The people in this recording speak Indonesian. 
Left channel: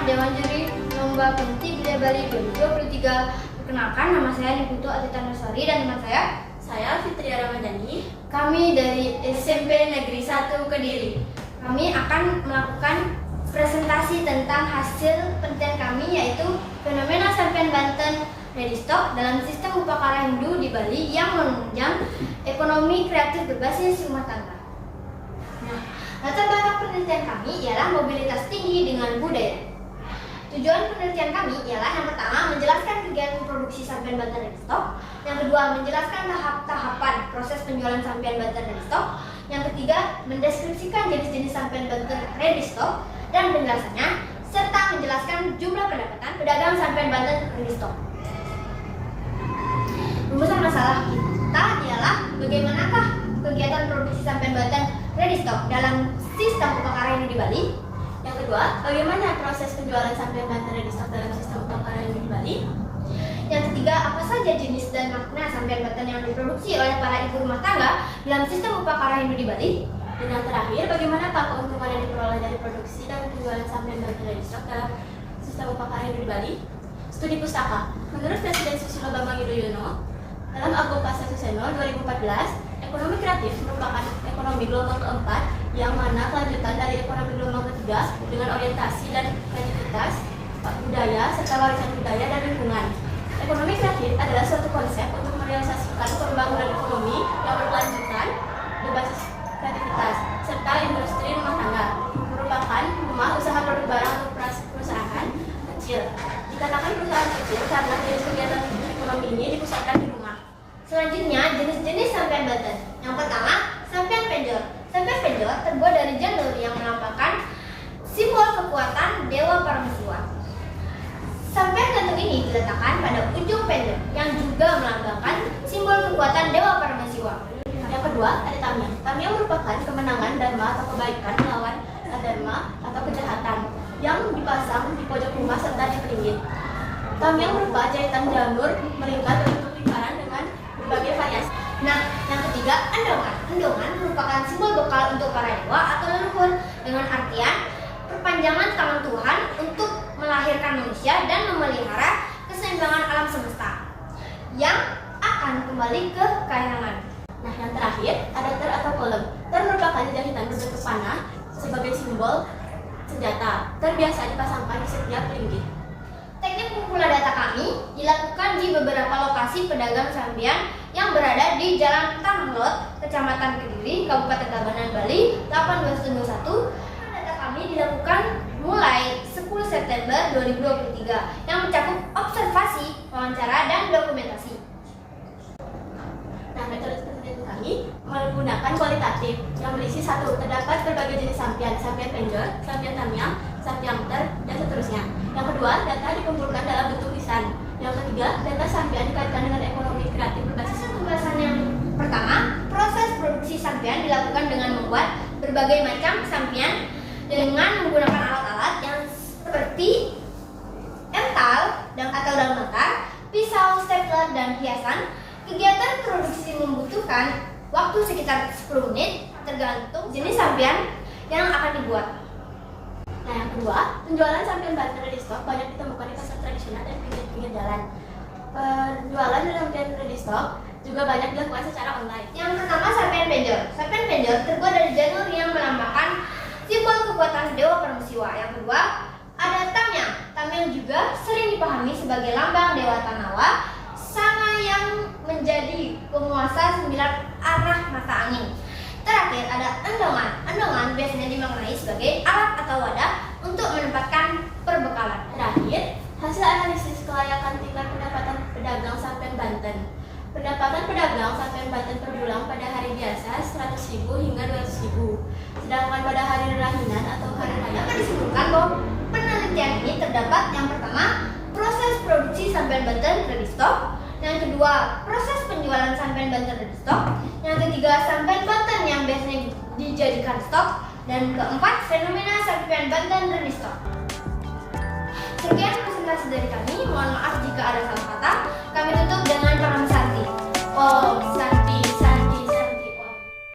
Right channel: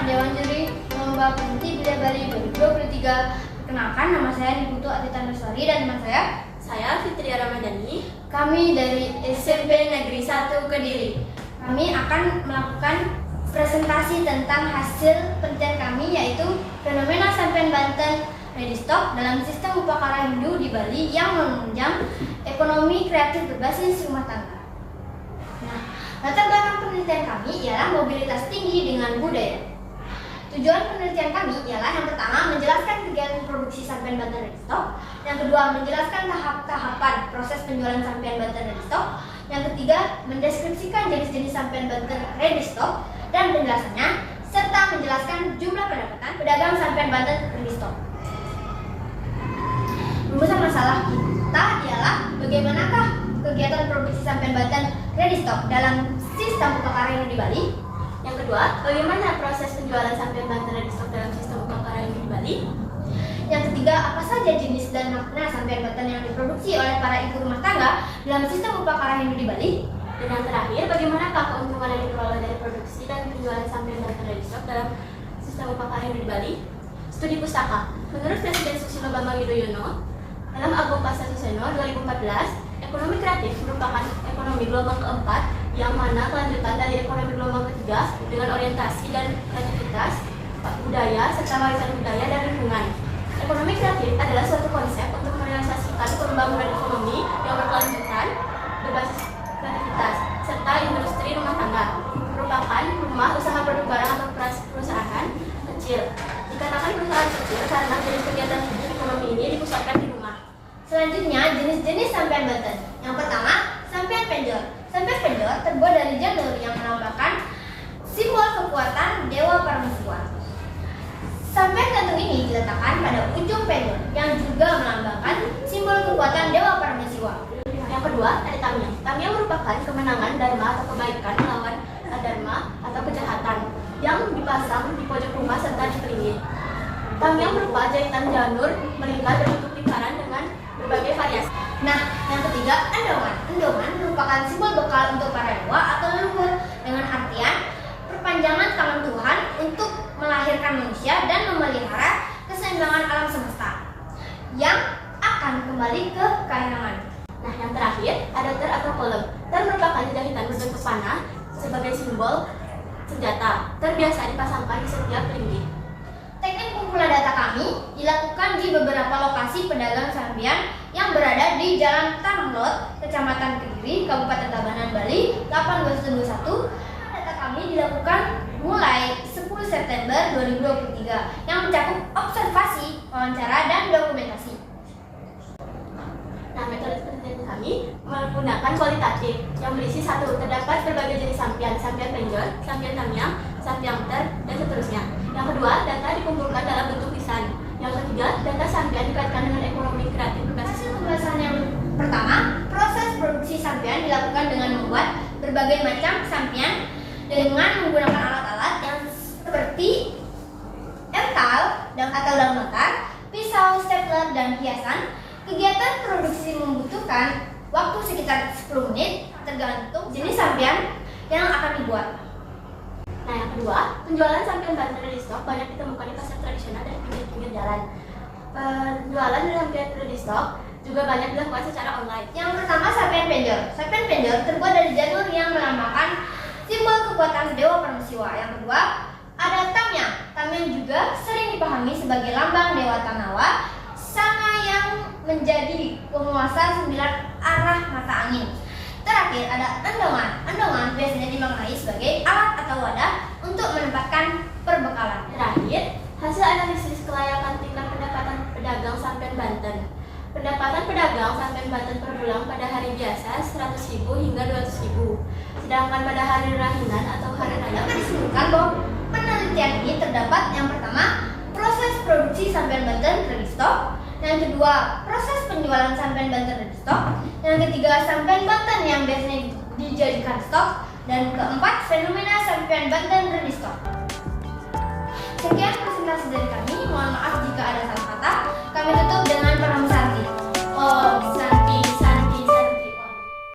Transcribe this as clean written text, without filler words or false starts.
Ketua Dewan Juri Lomba Pensi Budaya Bali 2023. Perkenalkan, nama saya Niputu Atita Nasari dan teman saya Fitria Ramadhani. Kami dari SMP Negeri 1 Kediri. Kami akan melakukan presentasi tentang hasil penelitian kami, yaitu fenomena sampean Banten ready stock dalam sistem upacara Hindu di Bali yang menunjang ekonomi kreatif berbasis rumah tangga. Nah, latar belakang penelitian kami ialah mobilitas tinggi dengan budaya. Tujuan penelitian kami ialah yang pertama menjelaskan kegiatan produksi sampean Banten ready stock, yang kedua menjelaskan tahap-tahapan proses penjualan sampean Banten ready stock, yang ketiga mendeskripsikan jenis-jenis sampean Banten ready stock dan penjelasannya, serta menjelaskan jumlah pendapatan pedagang sampean Banten ready stock. Rumusan masalah kita ialah bagaimanakah kegiatan produksi sampean Banten ready stock dalam sistem upacara Hindu di Bali. Yang kedua, bagaimana proses penjualan sampean Banten ready stock dalam sistem upacara Hindu di Bali. Yang ketiga, apa saja jenis dan makna sampean Banten yang diproduksi oleh para ibu rumah tangga dalam sistem upacara Hindu di Bali. Dan yang terakhir, bagaimanakah keuntungan yang diperoleh dari produksi dan penjualan sampean Banten ready stock dalam sistem upacara Hindu di Bali. Studi pustaka. Menurut Presiden Susilo Bambang Yudhoyono, dalam Agung Pasasiseno 2014, ekonomi kreatif merupakan ekonomi gelombang keempat yang mana kelanjutan dari ekonomi gelombang ketiga dengan orientasi dan kreativitas, budaya, serta warisan budaya dan lingkungan. Ekonomi kreatif adalah suatu konsep untuk merealisasikan pembangunan ekonomi yang berkelanjutan berbasis kreativitas, serta industri rumah tangga, merupakan rumah usaha produk barang atau perusahaan kecil. Dikatakan perusahaan kecil karena jenis kegiatan ekonomi ini dipusatkan di rumah. Selanjutnya, jenis-jenis sampean Banten. Yang pertama, sampean pendor. Sampean pendor terbuat dari janur yang melambangkan simbol kekuatan Dewa Parameswara. Sampean gantung ini diletakkan pada ujung pendor yang juga melambangkan simbol kekuatan Dewa Parameswara. Yang kedua, ada tamyang. Tamyang merupakan kemenangan dharma atau kebaikan melawan adharma atau kejahatan yang dipasang di pojok rumah serta di peringit. Tamyang berupa jahitan janur melingkar berbentuk lingkaran dengan berbagai variasi. Nah, yang ketiga, endongan. Endongan merupakan simbol bekal untuk para dewa atau leluhur dengan artian perpanjangan tangan Tuhan untuk melahirkan manusia dan memelihara keseimbangan alam semesta yang akan kembali ke kainangan. Nah, yang terakhir, ada ter atau kolom. Ter merupakan jahitan berbentuk panah sebagai simbol senjata. Ter biasa dipasangkan di setiap peringgi. Teknik pengumpulan data kami dilakukan di beberapa lokasi pedagang sampean yang berada di Jalan Tanglot, Kecamatan Kediri, Kabupaten Tabanan, Bali, 821. Data kami dilakukan mulai 10 September 2023 yang mencakup observasi, wawancara, dan dokumentasi. Nah, metode penelitian kami menggunakan kualitatif yang berisi satu, terdapat berbagai jenis sampean, sampean penjol, sampean tamyang, sampean ter, dan seterusnya. Yang kedua, data dikumpulkan dalam bentuk lisan. Yang ketiga, data sampean dikaitkan dengan ekonomi kreatif berbasis. Pembahasan yang pertama, proses produksi sampean dilakukan dengan membuat berbagai macam sampean dengan menggunakan alat-alat yang seperti ental atau daun bakar, pisau, stapler, dan hiasan. Kegiatan produksi membutuhkan waktu sekitar 10 menit tergantung jenis sampean yang akan dibuat. Nah, yang kedua, penjualan sampean Banten ready stock banyak ditemukan di pasar tradisional dan pinggir-pinggir jalan. Penjualan sampean ready stock juga banyak dilakukan secara online. Yang pertama, sampean pendor. Sampean pendor terbuat dari janur yang melambangkan simbol kekuatan Dewa Parameswara. Yang kedua, ada tamyang. Tamyang juga sering dipahami sebagai lambang Dewa Tanawa, Sanga yang menjadi penguasa 9 arah mata angin. Terakhir, ada endongan. Endongan biasanya dimaknai sebagai alat atau wadah untuk menempatkan perbekalan. Terakhir, hasil analisis kelayakan tingkat pendapatan pedagang sampean Banten. Pendapatan pedagang sampean Banten per bulan pada hari biasa 100.000 hingga 200.000. Sedangkan pada hari rahinan atau hari raya Dapat disimpulkan bahwa penelitian ini terdapat yang pertama, proses produksi sampean Banten ready stock. Yang kedua, proses penjualan sampean Banten ready stock. Yang ketiga, sampean Banten yang biasanya dijadikan stok. Dan keempat, fenomena sampean Banten ready stock. Sekian presentasi dari kami. Mohon maaf jika ada salah kata. Kami tutup